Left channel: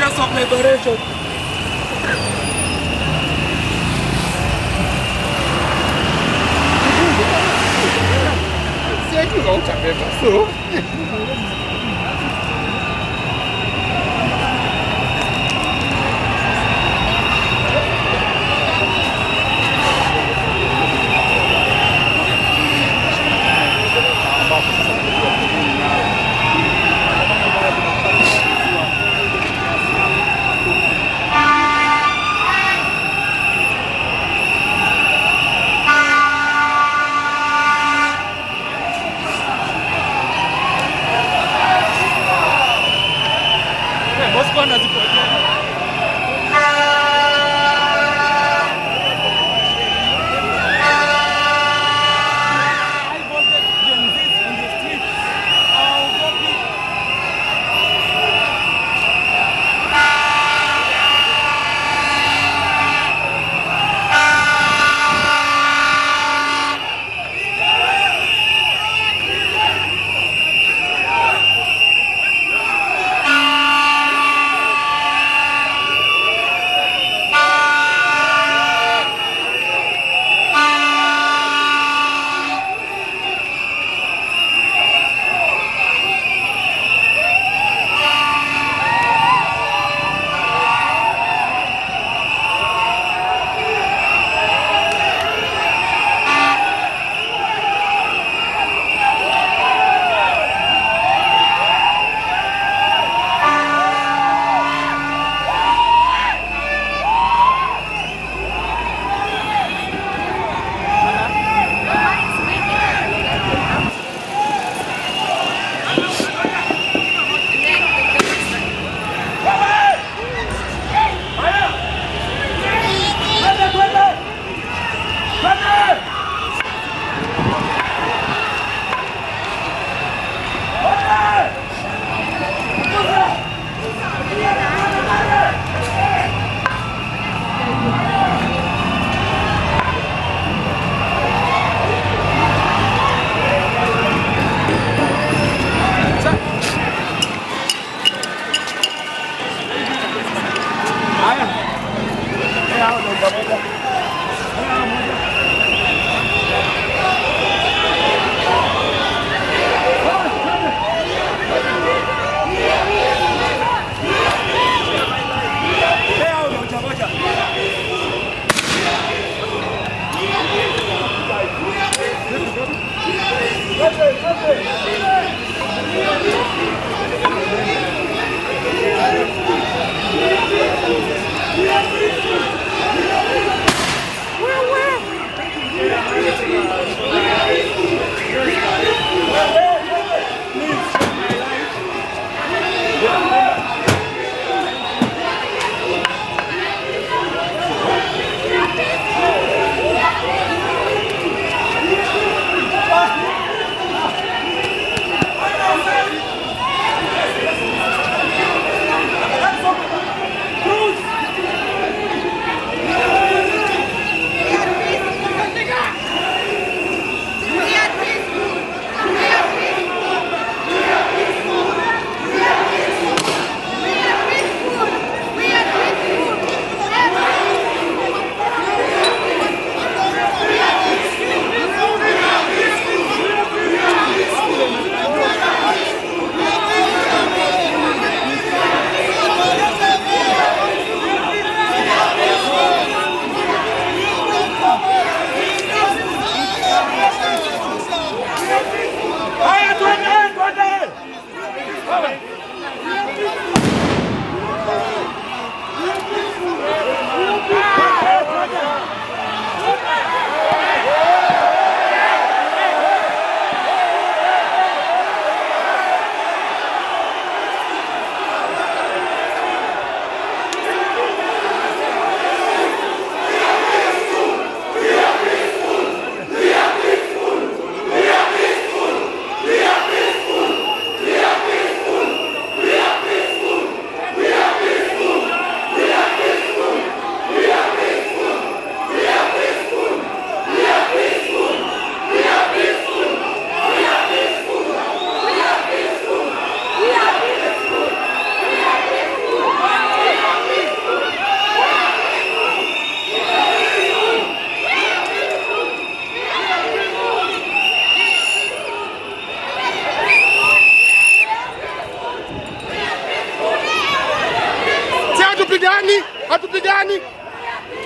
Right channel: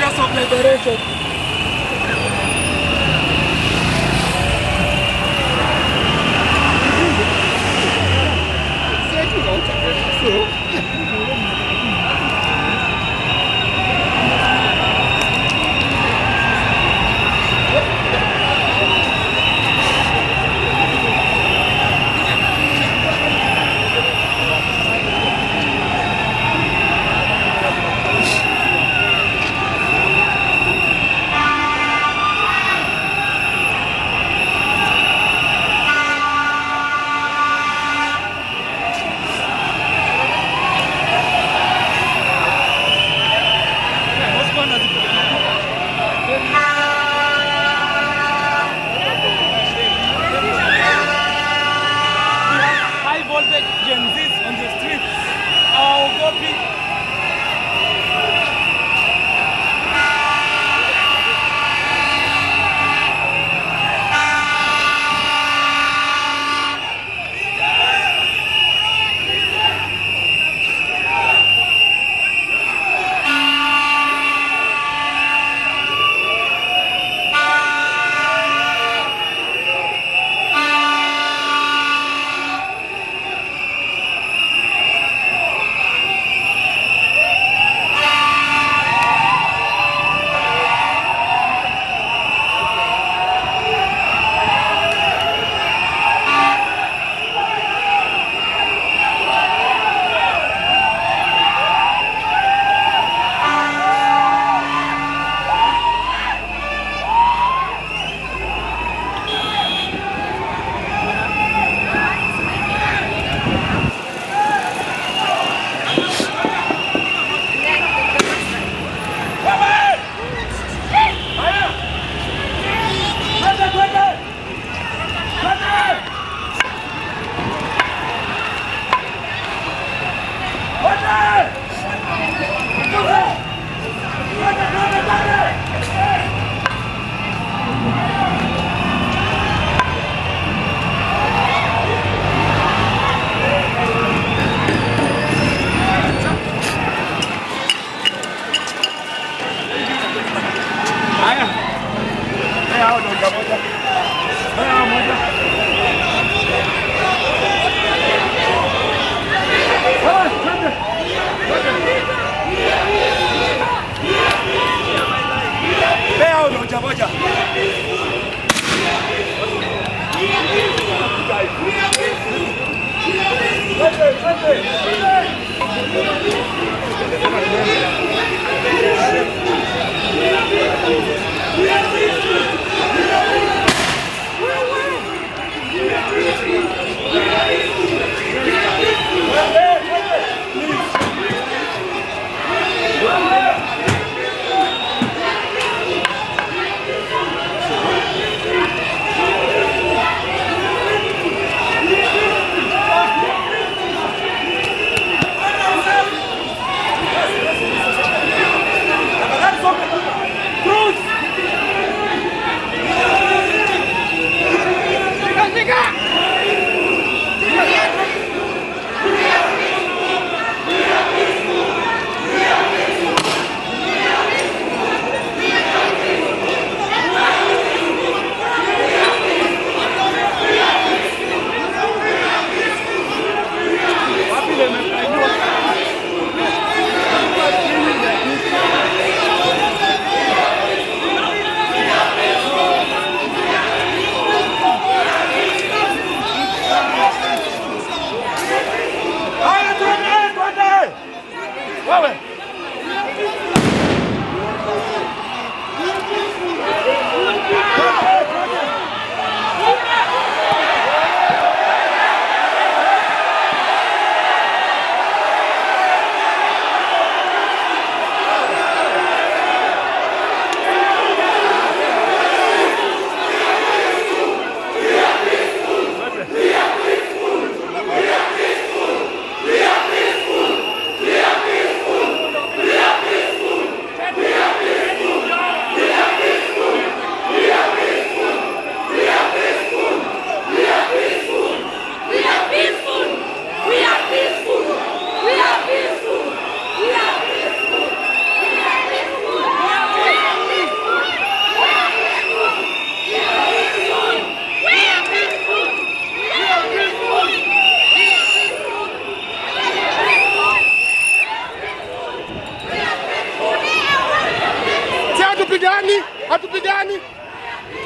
Tears of liberation.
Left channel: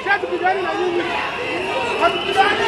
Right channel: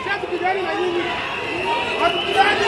Hatupigani na nyinyi. Hatupigani.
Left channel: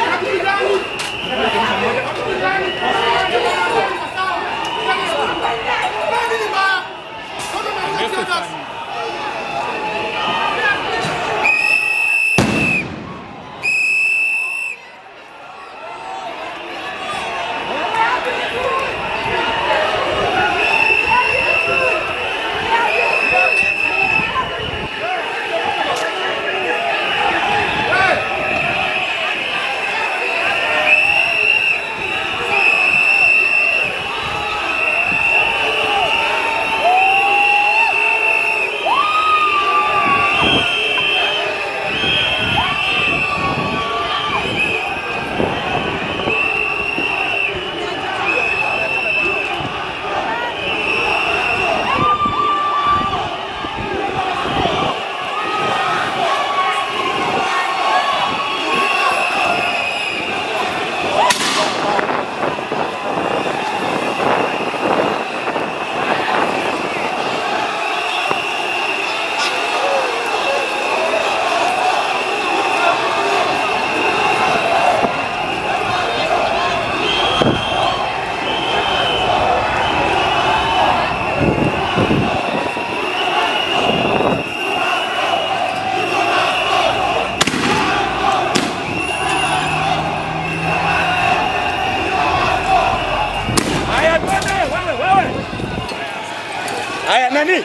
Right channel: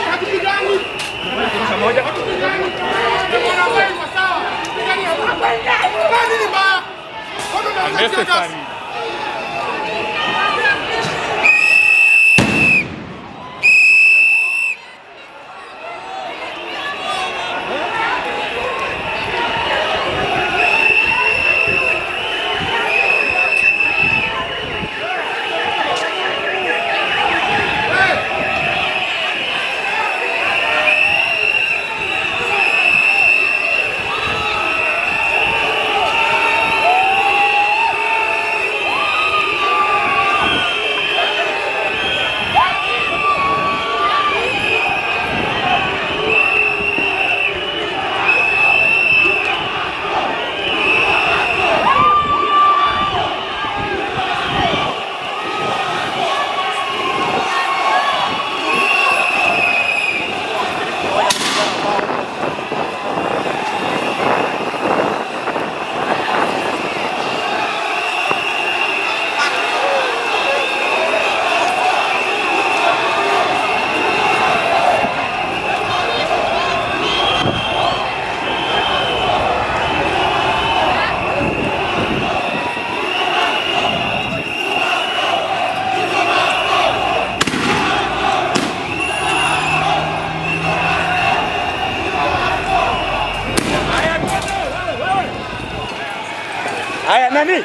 Haya, nani?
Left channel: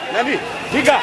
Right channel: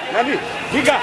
Kufika.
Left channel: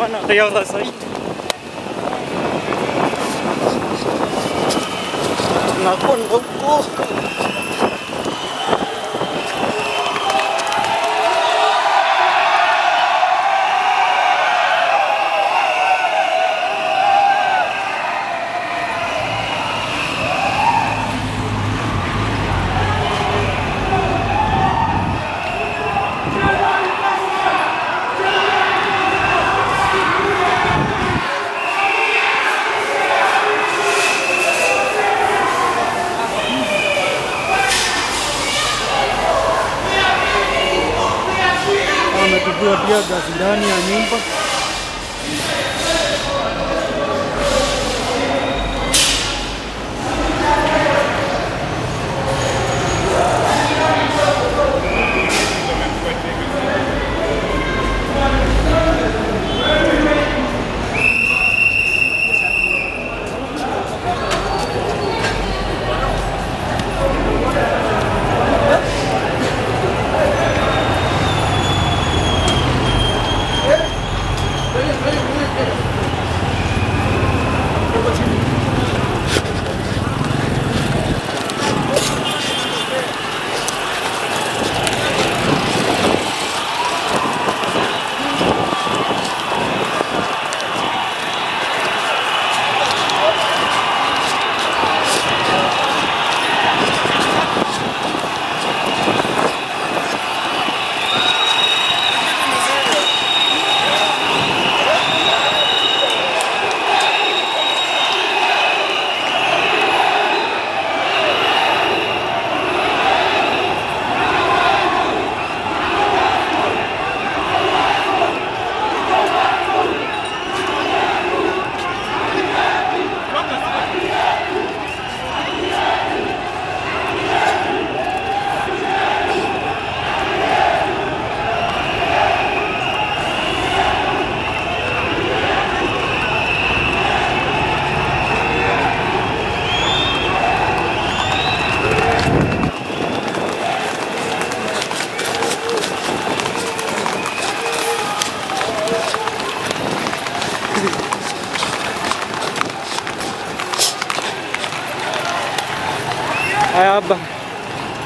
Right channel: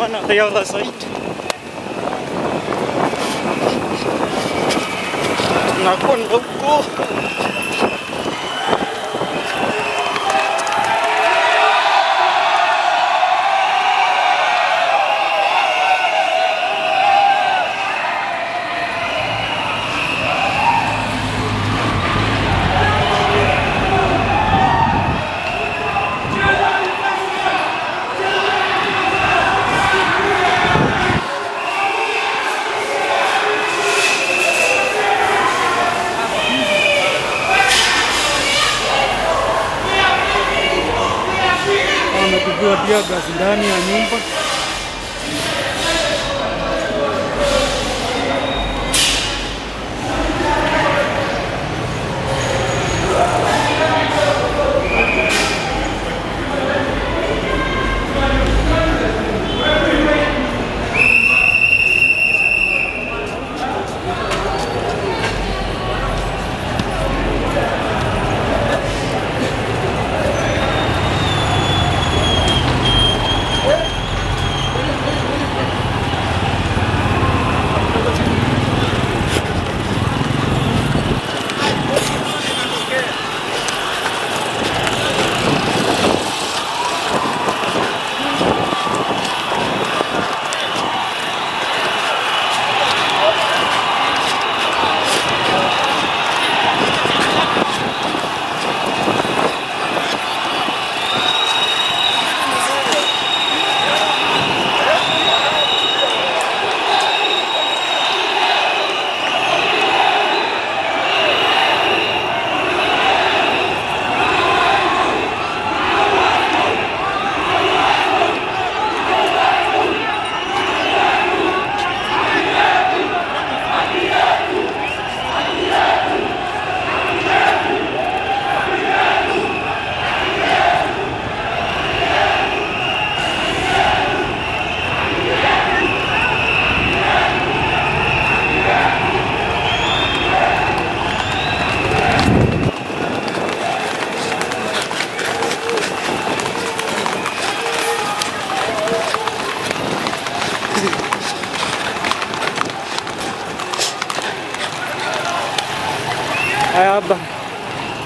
Maandamano kaya site. Nakon ko. Amepigiwa pia gasi ndani ya nyumba.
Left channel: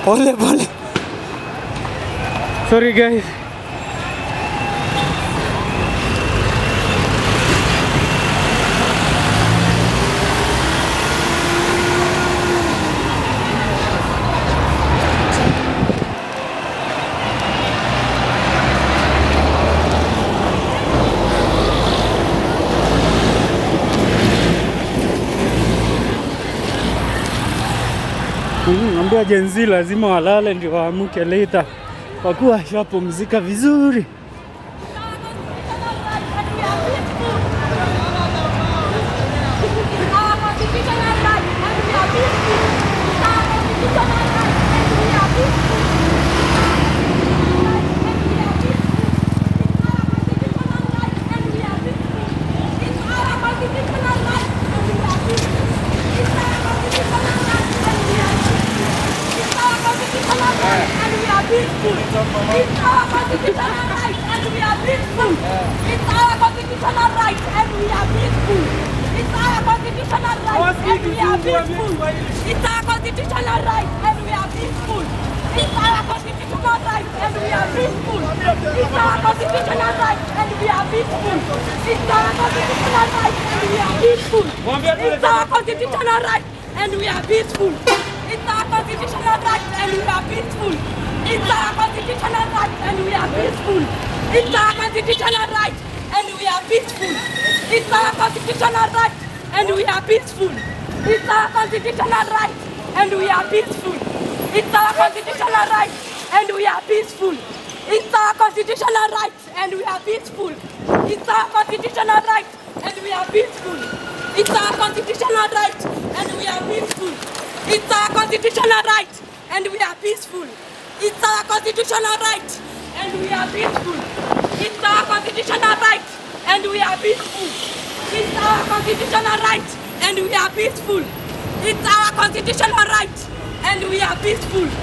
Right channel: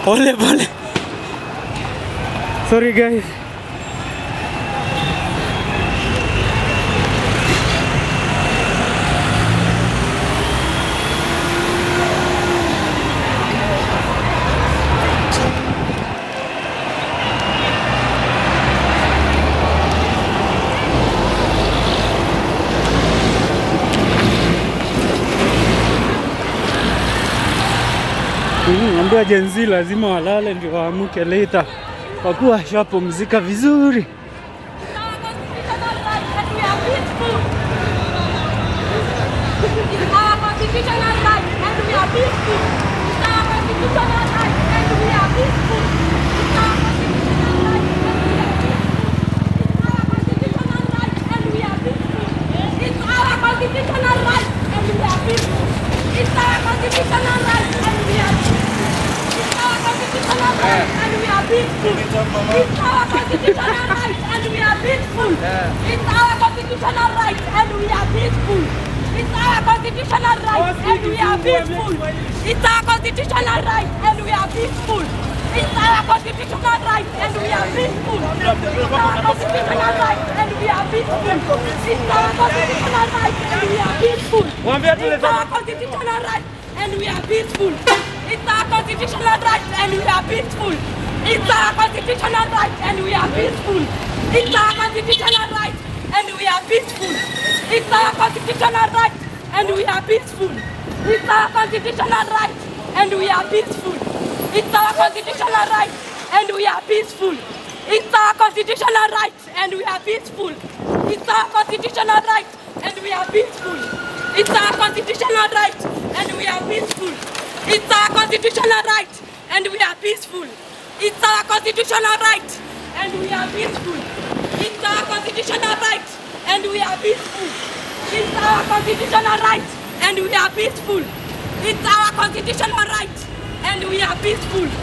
Pole pole. Sorry guys. Ambia Gen Z lazima walale ndio waamuke later, kwa kuwa washapumzika vizuri. It's our constitutional right and we are peaceful. It's our constitutional right and we are peaceful. It's our constitutional right and we are peaceful. It's our constitutional right and we are peaceful. It's our constitutional right and we are peaceful. It's our constitutional right and we are peaceful. It's our constitutional right and we are peaceful. It's our constitutional right and we are peaceful. It's our constitutional right and we are peaceful. It's our constitutional right and we are peaceful. It's our constitutional right and we are peaceful. It's our constitutional right and we are peaceful. It's our constitutional right and we are peaceful. It's our constitutional right and we are peaceful. It's our constitutional right and we are peaceful. It's our constitutional right and we are peaceful. It's our constitutional right and we are peaceful. It's our constitutional right and we are peaceful. It's our constitutional right and we are peaceful. It's our constitutional right and we are peaceful. It's our constitutional right and we are peaceful. It's our constitutional right and we are peaceful. It's our constitutional right and we are peaceful. It's our constitutional right and we are peaceful.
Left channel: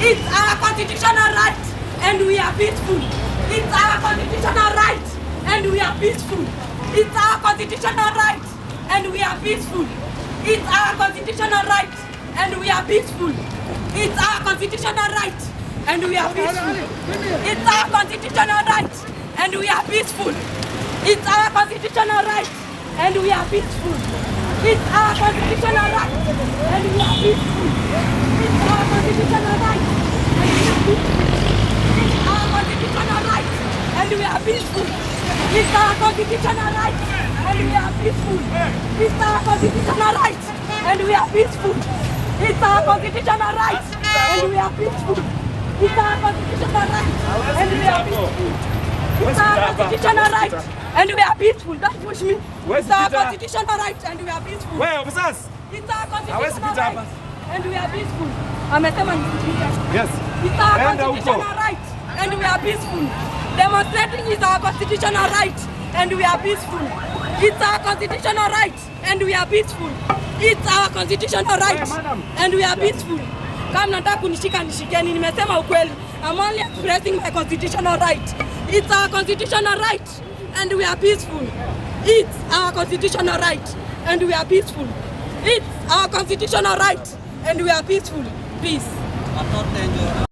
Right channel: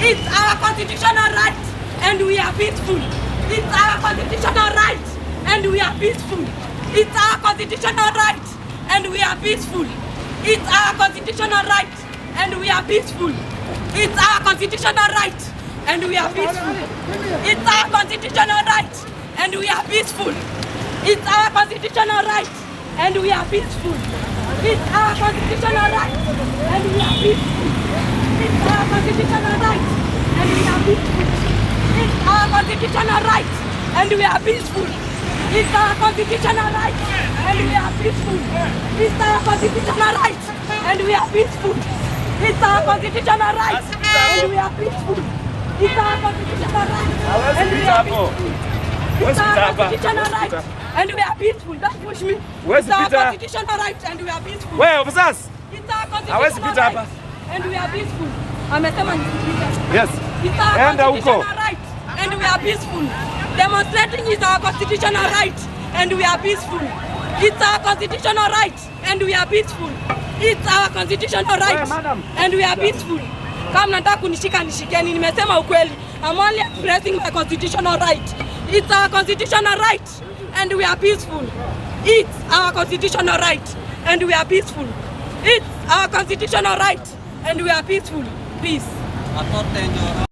It's our constitutional right and we are peaceful. It's our constitutional right and we are peaceful. It's our constitutional right and we are peaceful. It's our constitutional right and we are peaceful. It's our constitutional right and we are peaceful. It's our constitutional right and we are peaceful. It's our constitutional right and we are peaceful. It's our constitutional right and we are peaceful. It's our constitutional right and we are peaceful. It's our constitutional right and we are peaceful. It's our constitutional right and we are peaceful. It's our constitutional right and we are peaceful. It's our constitutional right and we are peaceful. Don't push me. It's our constitutional right and we are peaceful. It's our constitutional right and we are peaceful. Amesema nisipite. Yes. It's our constitutional right and we are peaceful. Demonstrating is our constitutional right and we are peaceful. It's our constitutional right and we are peaceful. It's our constitutional right and we are peaceful. Kama nataka kunishika nishikeni, nimesema ukweli. I'm only expressing my constitutional right. It's our constitutional right and we are peaceful. It's our constitutional right and we are peaceful. It's our constitutional right and we are peaceful. Peace.